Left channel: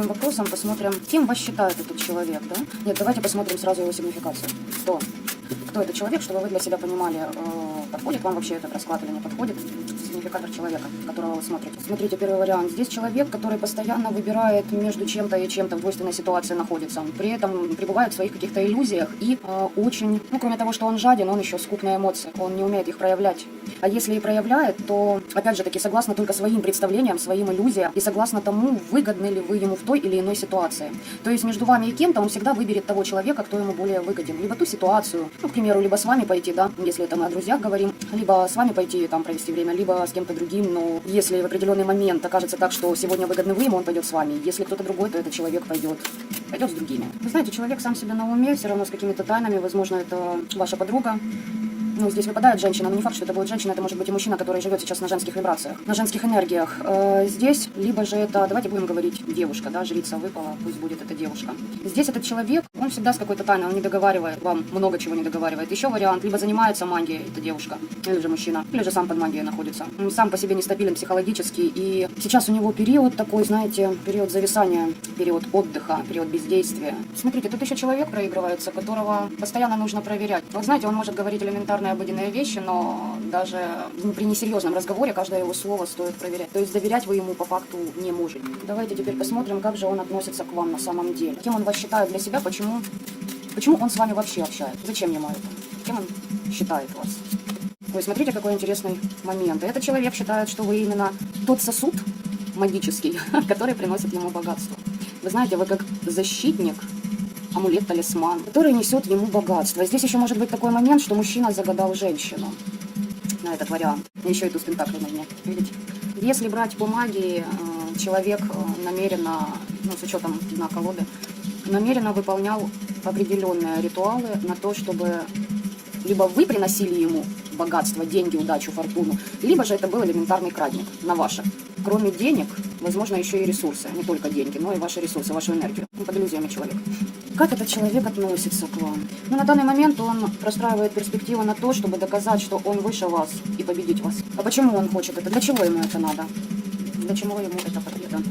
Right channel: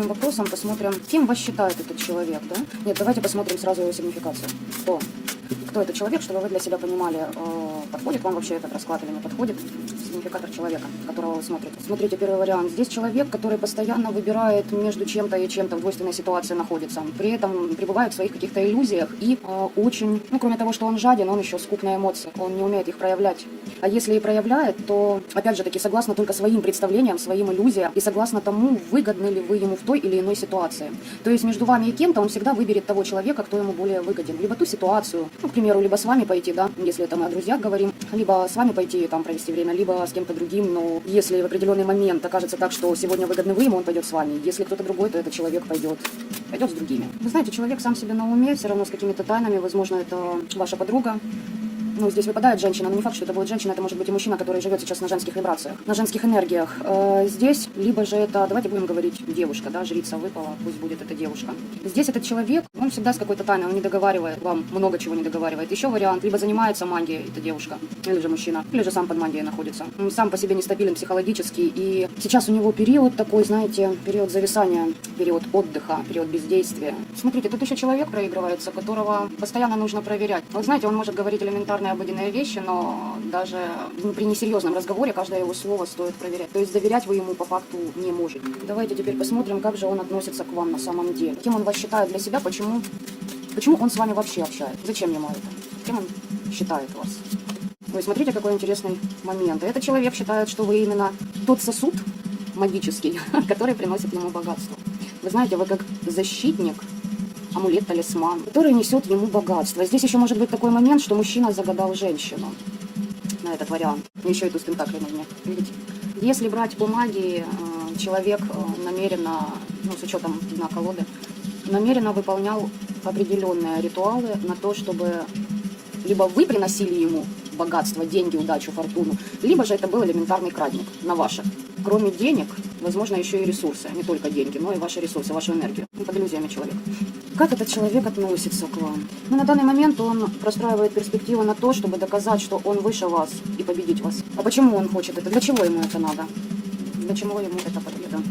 первым вопросом посмотрим, кем вас считает этот человек, да? Нет, давайте посмотрим сразу его сигнификацию. Кто этот человек, чтобы вы для себя понимали, подходит вам вообще этот расклад или не подходит. Сигнификатор человека, которого вы смотрите. Смотрите, первый вариант. Здесь человек, который постоянно выбирает между чем-то и чем-то, в двойственной ситуации находится. При этом пребывает в своих каких-то иллюзиях и очень, кроме того, что он жаден, он еще скуп на эмоции. Он не умеет их проявлять. А если и проявляет, то, опять же таки, согласно только своим представлениям, своим иллюзиям и согласно тому, выгодны ли вы ему в той или иной ситуации. То есть между вами и кем-то он всегда выберет того человека, кто ему более выгоден. Либо ту ситуацию, к примеру, либо с вами пойти, да, если это мы о друзьях говорим, либо с вами пойти там провести время, либо с кем-то другим. Но если в определенный момент окажется так, что сегодня выгодны вы ему, он пойдет с вами. Если кто-то другой, то этот человек пойдет с другими. Вы знаете, человек сам себе на уме, все равно с какими-то тайнами, возможно, это ваша подруга. Здесь выпадает женщина, но не факт, что это будет женщина, это может быть и мужчина, который живет сейчас на женских вибрациях, на женских энергиях. Здесь, либо же это, давайте будем говорить, девушка, да, жрица выпала, пусть будет это девушка. Здесь этот человек, он всегда с какой-то тайной, он не договаривает, вам много чего не договаривает. Еще вариант, либо занимается магией, это девушка, или же мужчина, или же сам под магией находится. Он сам по себе нестабилен психологически, и сейчас у него период такой, знаете, период зависания, период отдыха, период бездействия. Смотрите, тут еще человек проигрывается, которого постоянно нужно проверять. Вот знаете, он может говорить элементарные обыденные вещи, но даже при несерьезном разговоре каждое его слово стоит проверять. То есть доверять вы ему по факту не можете. Давайте теперь посмотрим, как же он относится к вам на самом деле. Кем он вас считает для себя, почему он с вами вообще общается, зачем ему это, кем он считает вас. Вы смотрите, какой интересный момент. Этот человек считает, что вы именно тот сосуд магический, который приносит ему богатство. Вы знаете, вы как защитник, амулет-талисман, который несет ему богатство. Здесь еще может быть такой момент, что мужчина загадал женщину на этот вариант. Еще иду с тентаклями. Видите? Если брать по магии, человек намеренно, с учетом на колоды, намеренно выполнял определенные ритуалы на то, чтобы либо вы приносили ему богатство, деньги, удачу, фортуну, либо же это был элементарный крадник на ваше. Кроме денег, возможно, еще и ресурсы. Не только деньги, но и ваши ресурсы, вашу энергию. Под иллюзиями человека. Как этот человек относится к вам? На данный момент он простраивает перспективу на то, чтобы доказать, что он выше вас и победить вас. А почему он хочет это? Для чего ему это надо? Для чего ему это потребно?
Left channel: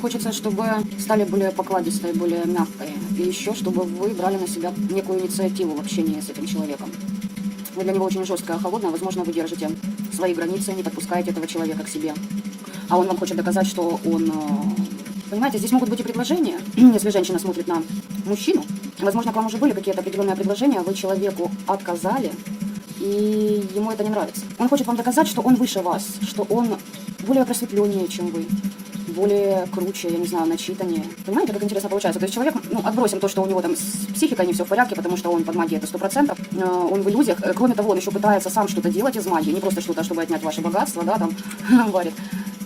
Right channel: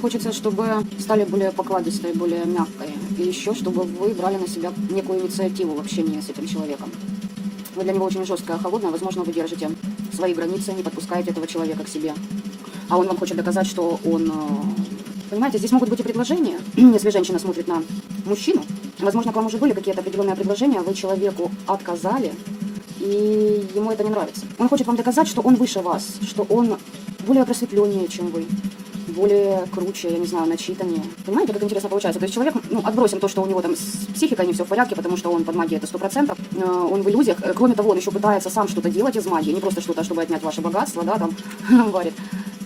Хочется, чтобы стали более покладистые, более мягкие. И еще, чтобы вы брали на себя некую инициативу в общении с этим человеком. Вы для него очень жесткая, холодная, возможно, вы держите свои границы, не подпускаете этого человека к себе. А он вам хочет доказать, что он... Понимаете, здесь могут быть и предложения. Если женщина смотрит на мужчину, возможно, к вам уже были какие-то определенные предложения, вы человеку отказали, и ему это не нравится. Он хочет вам доказать, что он выше вас, что он более просветленнее, чем вы. Более круче, я не знаю, начитаннее. Понимаете, как интересно получается? То есть человек, отбросим то, что у него там с психикой не все в порядке, потому что он под магией это 100%, он в иллюзиях. Кроме того, он еще пытается сам что-то делать из магии, не просто что-то, чтобы отнять ваше богатство, да, там, он говорит,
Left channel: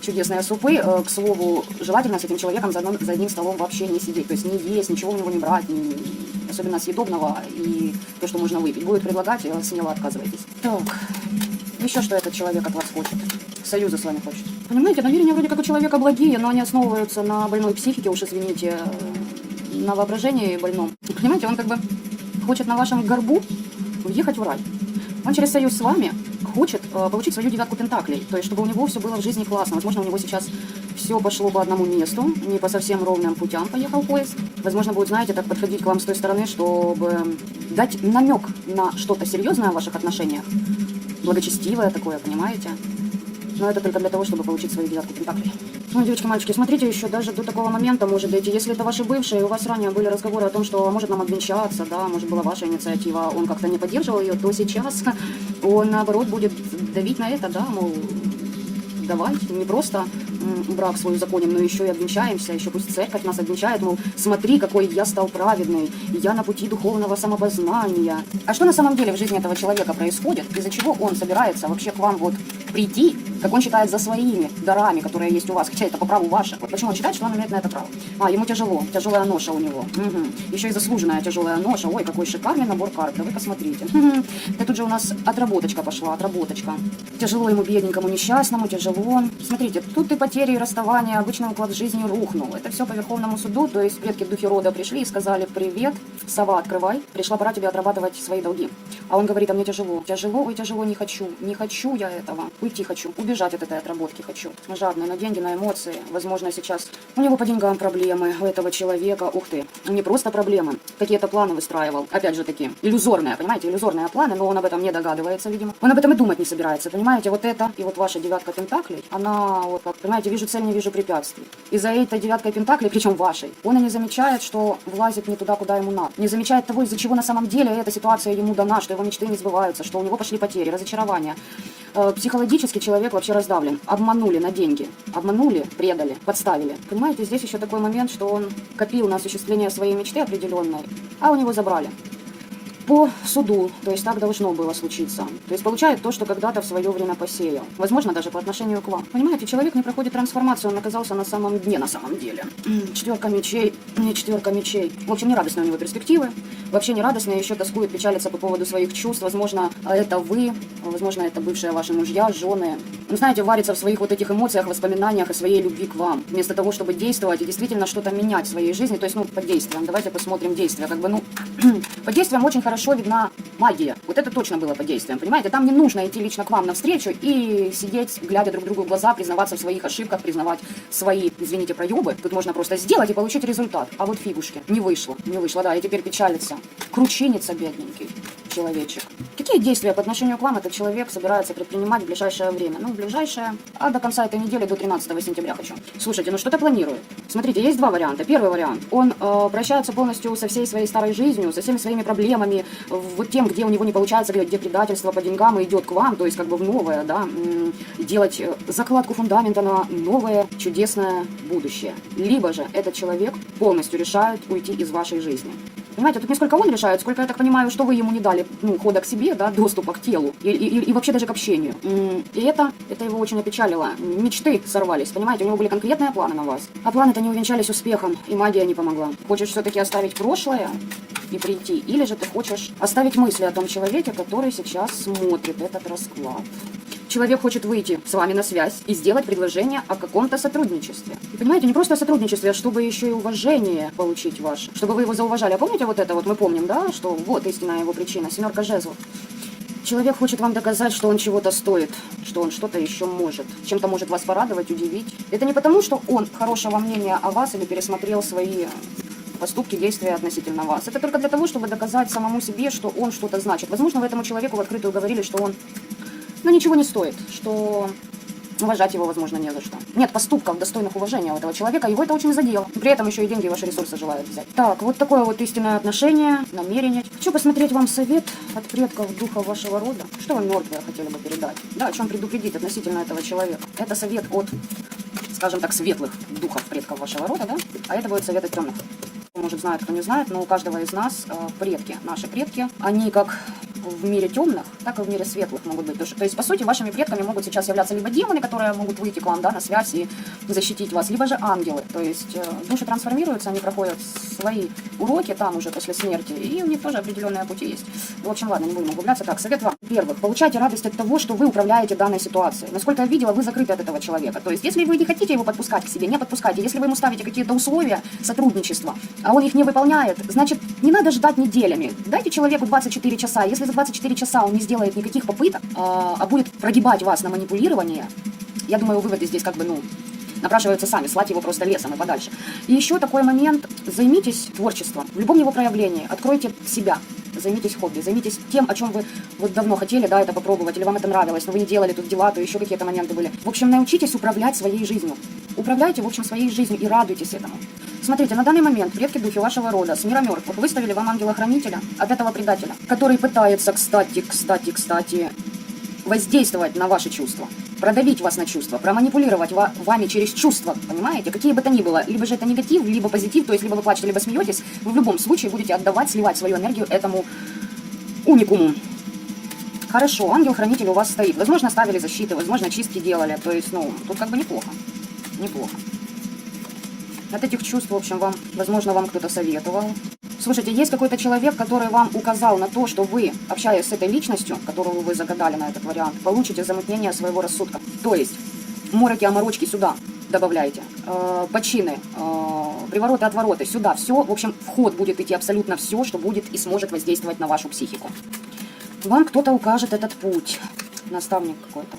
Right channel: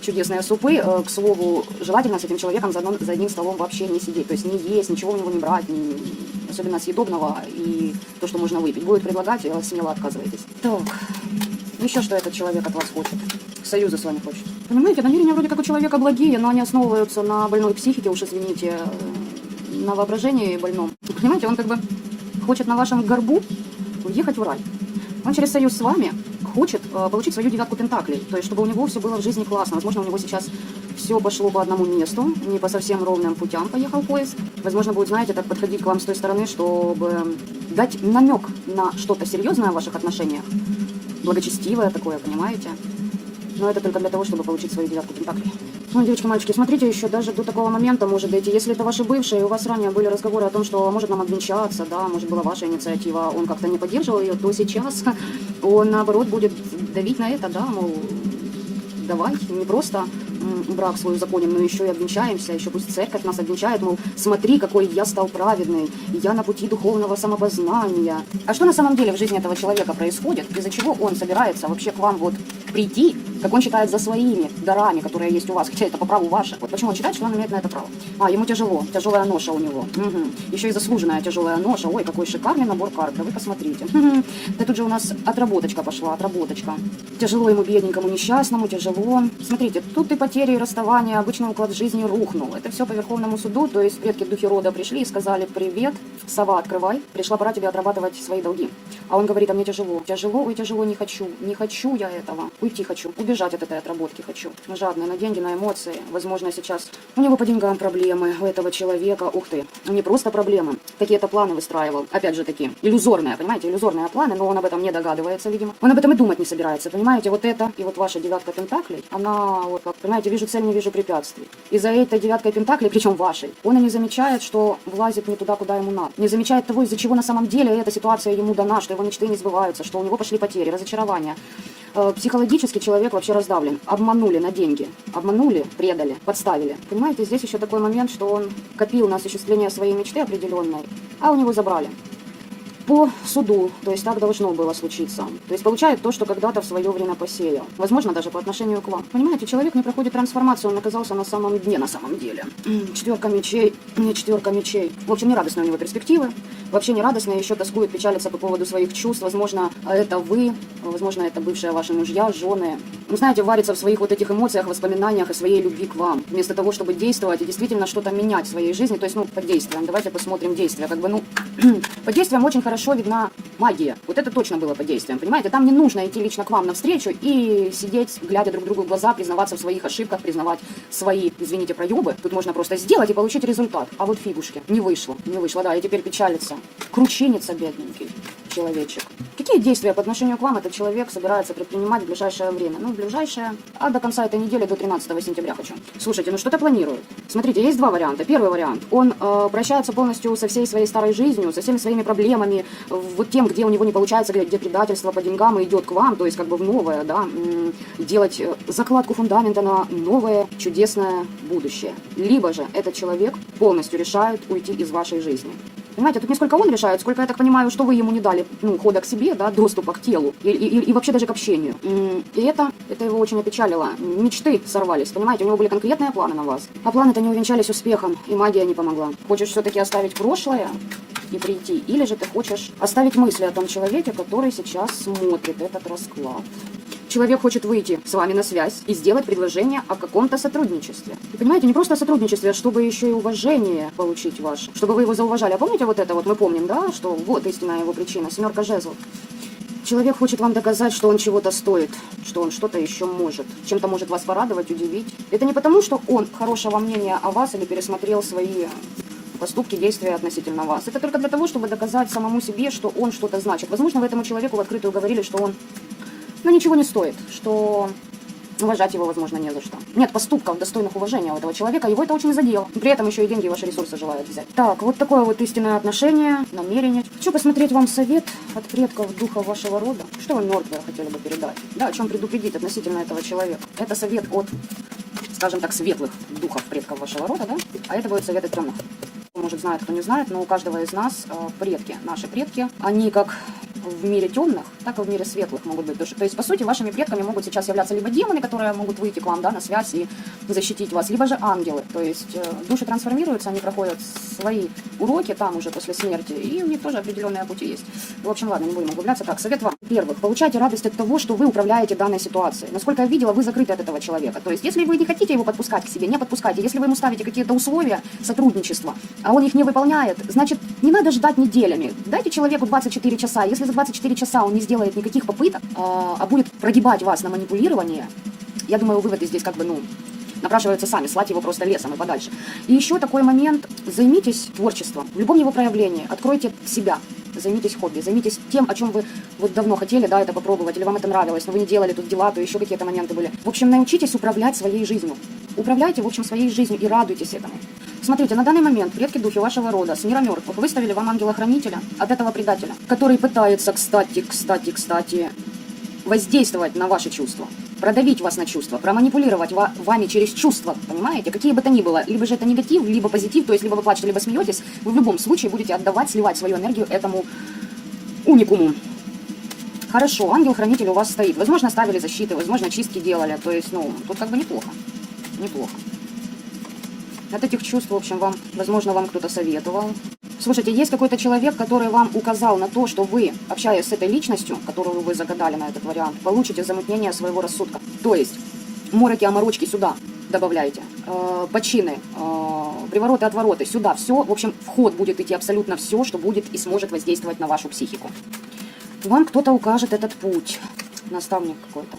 чудесные супы, к слову, желательно с этим человеком за одним столом вообще не сидеть, то есть не есть, ничего у него не брать, особенно съедобного и то, что можно выпить. Будет предлагать, смело отказывайтесь. Так, еще что этот человек от вас хочет? Союза с вами хочет. Понимаете, намерения вроде как у человека благие, но они основываются на больной психике, уж извините, на воображении больном. Понимаете, он как бы хочет на вашем горбу уехать в рай. Он через союз с вами хочет получить свою 9 пентаклей, то есть чтобы у него все было в жизни классно. Возможно, у него сейчас все пошло по одному месту, не по совсем ровным путям поехал поезд. Возможно, будет, знаете, так подходить к вам с той стороны, чтобы дать намек на что-то серьезное в ваших отношениях, благочестивое такое, понимаете? Но это только для того, чтобы получить свои 9 пентаклей. Девочки, мальчики, смотрите, еще даже до такого момента может дойти. Если это ваши бывшие, и у вас ранее были разговоры о том, что может нам обвенчаться, да, может была ваша инициатива, он как-то не поддерживал ее, то сейчас он, наоборот, будет давить на это, да, давай, не просто брак свой узаконим, но еще и обвенчаемся, еще пусть церковь нас обвенчает, мол, смотри, какой я стал праведный, я на пути духовного самопознания. А что на самом деле в жизни этого человека происходит, из-за чего он собирается вообще к вам вот прийти, как он считает, за своими дарами, которые есть у вас, хотя это по праву ваше. Вот почему он считает, что он имеет на это право. Ему тяжело, тяжелая ноша у него. Еще и заслуженная тяжелая ноша. Ой, какой шикарный набор карт, вы посмотрите. Да тут же у нас отработочка пошла, отработочка. Тяжело ему, бедненькому, несчастному, тяжело. Смотрите, тут и потери, и расставания, обычный уклад жизни рухнул. Это все по Верховному суду, то есть предки духи рода пришли и сказали: привет, сова, открывай, пришла пора тебе отрабатывать свои долги. А он говорит: а мне тяжело, тяжело, ой, тяжело, не хочу я этого. уйти хочу, убежать от этой отработки хочу. Жадный на деньги, на эмоции. Возможно, сейчас у него по деньгам проблемы, у этого человека, ух ты, не просто проблемы, какие-то планы выстраивал, опять же таки, иллюзорные, понимаете, иллюзорные планы, но он об этом не догадывается, видимо. Он об этом и думать не собирается, понимаете, вот это, и вот ваша девятка пентаклей, она, вот как, понимаете, вижу цель, не вижу препятствий. И за этой девяткой пентаклей, причем вашей, он и не замечает, что влазит не туда, куда ему надо. Не замечает того, из-за чего на самом деле эта ситуация ему дана, что его мечты не сбываются, что у него пошли потери, разочарования. Психологически человек вообще раздавлен. Обманули на деньги. Обманули, предали, подставили. Понимаете, здесь еще такой момент, что он копил на осуществление своей мечты определенной, а у него забрали. По суду, то есть так должно было случиться. То есть получает то, что когда-то в свое время посеял. Возможно, даже по отношению к вам. Понимаете, человек не проходит трансформацию, он оказался на самом дне, на самом деле. Четверка мечей, не четверка мечей. В общем, не радостные у него перспективы. Вообще не радостные, еще тоскует, печалится по поводу своих чувств. Возможно, это вы, возможно, это бывшие ваши мужья, жены. Ну, знаете, варится в своих вот этих эмоциях, воспоминаниях о своей любви к вам. Вместо того, чтобы действовать и действительно что-то менять в своей жизни. То есть, под действием. Давайте посмотрим действия. Как бы, под действием очень хорошо видна магия. Вот это точно было под действием, понимаете? Там не нужно идти лично к вам навстречу и сидеть, глядя друг другу в глаза, признаваться в своих ошибках, признавать свои, извините, проебы. Тут можно просто сделать и получить результат. А вот фигушки. Не вышло, да, и теперь печалится. Кручинится бедненький человечек. Какие действия по отношению к вам этот человек собирается предпринимать в ближайшее время? Ну, в ближайшее, а до конца этой недели, до 13 сентября хочу. Слушайте, ну что-то планирует. Смотрите, есть два варианта. Первый вариант. Он прощается полностью со всей своей старой жизнью, со всеми своими проблемами, вот тем, где у него не получается, где предательство по деньгам, и идет к вам, то есть как бы в новое, да, делать закладку фундамента на новое чудесное будущее. Либо же этот человек полностью решает уйти из вашей жизни. Понимаете, тут не сколько он решает, сколько, я так понимаю, что вы ему не дали хода к себе, да, доступа к телу и вообще даже к общению. И это его очень опечалило. Мечты сорвались, понимаете, у него были конкретные планы на вас. А планы-то не увенчались успехом, и магия не помогла. Хочешь все-таки оставить прошлое и прийти, или же ты хочешь оставить мысли о том человеке, который сейчас смотрит этот расклад. Человек хочет выйти с вами на связь и сделать предложение о каком-то сотрудничестве. И понимаете, не просто о сотрудничестве, а чтобы еще и уважение получить ваше, чтобы вы его зауважали. А помните вот это вот, мы помним, да, что вот истинная его причина, 7 жезлов. Человек хочет вам доказать, что он чего-то стоит, что он что-то еще может, чем-то может вас порадовать, удивить. Это не потому, что он хорошего мнения о вас или пересмотрел свои поступки, действия относительно вас. Это только для того, чтобы доказать самому себе, что он что-то значит. Возможно, вы этому человеку в открытую говорили, что он ничего не стоит, что уважать его, возможно, не за что. Нет поступков, достойных уважения у этого человека, его это очень задело. При этом еще и деньги, ваши ресурсы желают взять. Так, вот такое вот истинное отношение, намерение. Хочу посмотреть вам совет от предков духа вашего рода. Что вы мертвые хотели бы передать? Да, о чем предупредить относительно этого человека. Это совет от, скажем так, светлых духов предков вашего рода, да? А это будет совет от темных. Может, знает, кто не знает, но у каждого из нас предки, наши предки, они как в мире темных, так и в мире светлых могут быть. То есть, по сути, вашими предками могут сейчас являться либо демоны, которые могут выйти к вам, да, на связь и защитить вас, либо же ангелы. То есть души трансформируются, они проходят свои уроки там уже после смерти, и у них тоже определенные пути есть. В общем, ладно, не будем углубляться. Так, совет вам. Во-первых, получайте радость от того, что вы управляете данной ситуацией. Насколько я видела, вы закрыты от этого человека. То есть, если вы не хотите его подпускать к себе, не подпускайте. Если вы ему ставите какие-то условия сотрудничества, а он их не выполняет, значит, не надо ждать неделями. Дайте человеку 24 часа. Если за 24 часа он не сделает никаких попыток, а будет прогибать вас на манипулирование, я думаю, выводы здесь как бы, напрашиваются сами, слать его просто лесом и подальше. И еще такой момент. Займитесь творчеством. В любом его проявлении. Откройте себя. Займитесь хобби. Займитесь тем, о чем вы вот давно хотели, да, это попробовать, или вам это нравилось, но вы не делали тут дела, то еще какие-то моменты были. В общем, научитесь управлять своей жизнью. Управляйте, в общем, своей жизнью и радуйтесь этому. Смотрите, на данный момент предки духи вашего рода с мира мертвых выставили вам ангела-хранителя от этого предателя, который пытается, кстати, воздействовать на ваши чувства, продавить вас на чувства, проманипулировать вами через чувства, понимаете, какие бы то ни было, либо же это негатив, либо позитив, то есть либо вы плачете, либо смеетесь, вы в любом случае будете отдавать, сливать свою энергию этому уникуму. Хорошо, ангел-хранитель у вас стоит, возможно, ставили защиты, возможно, чистки делали, то есть, тут как бы неплохо. От этих чувств, в общем, возможно, вам кто-то советовал. Слушайте, есть какой-то человек, который вам указал на то, что вы, общаясь с этой личностью, которую вы загадали на этот вариант, получите замутнение своего рассудка. То есть, мороки, оморочки сюда добавляйте, почины, привороты, отвороты сюда, все. В общем, в ход будет идти абсолютно все, что будет и сможет воздействовать на вашу психику. Вам кто-то укажет этот путь. Наставник какой-то.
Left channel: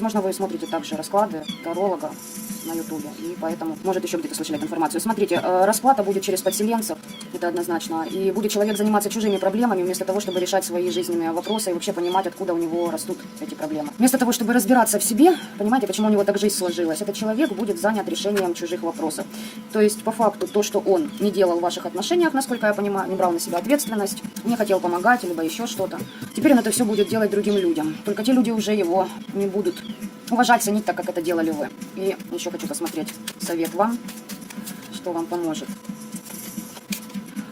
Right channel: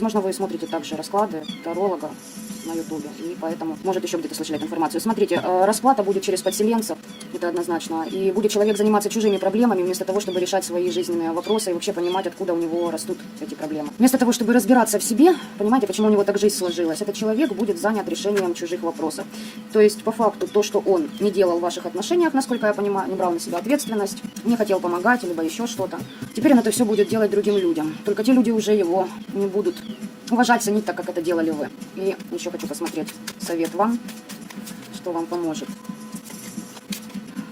Возможно, вы смотрите также расклады таролога на ютубе, и поэтому, может, еще где-то слышали эту информацию. Смотрите, расплата будет через подселенцев, это однозначно, и будет человек заниматься чужими проблемами, вместо того, чтобы решать свои жизненные вопросы и вообще понимать, откуда у него растут эти проблемы. Вместо того, чтобы разбираться в себе, понимаете, почему у него так жизнь сложилась, этот человек будет занят решением чужих вопросов. То есть, по факту, то, что он не делал в ваших отношениях, насколько я понимаю, не брал на себя ответственность, не хотел помогать, либо еще что-то, теперь он это все будет делать другим людям. Только те люди уже его не будут уважать, ценить так, как это делали вы. И еще хочу посмотреть совет вам, что вам поможет.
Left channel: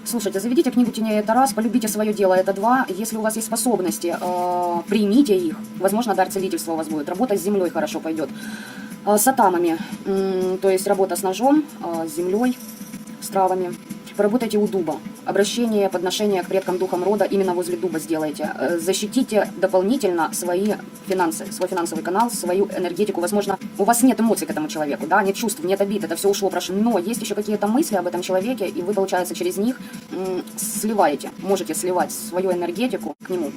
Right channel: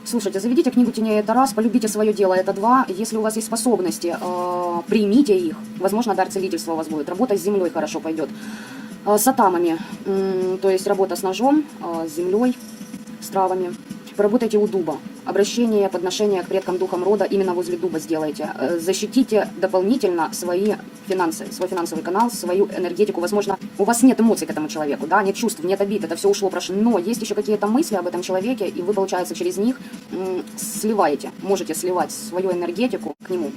Слушайте, заведите книгу теней, это раз, полюбите свое дело, это два. Если у вас есть способности, примите их. Возможно, дар целительства у вас будет. Работа с землей хорошо пойдет. С атамами, то есть работа с ножом, с землей, с травами. Поработайте у дуба. Обращение, подношение к предкам духам рода именно возле дуба сделайте. Защитите дополнительно свои финансы, свой финансовый канал, свою энергетику. Возможно, у вас нет эмоций к этому человеку, да, нет чувств, нет обид, это все ушло, прошло. Но есть еще какие-то мысли об этом человеке, и вы, получается, через них сливаете, можете сливать свою энергетику к нему.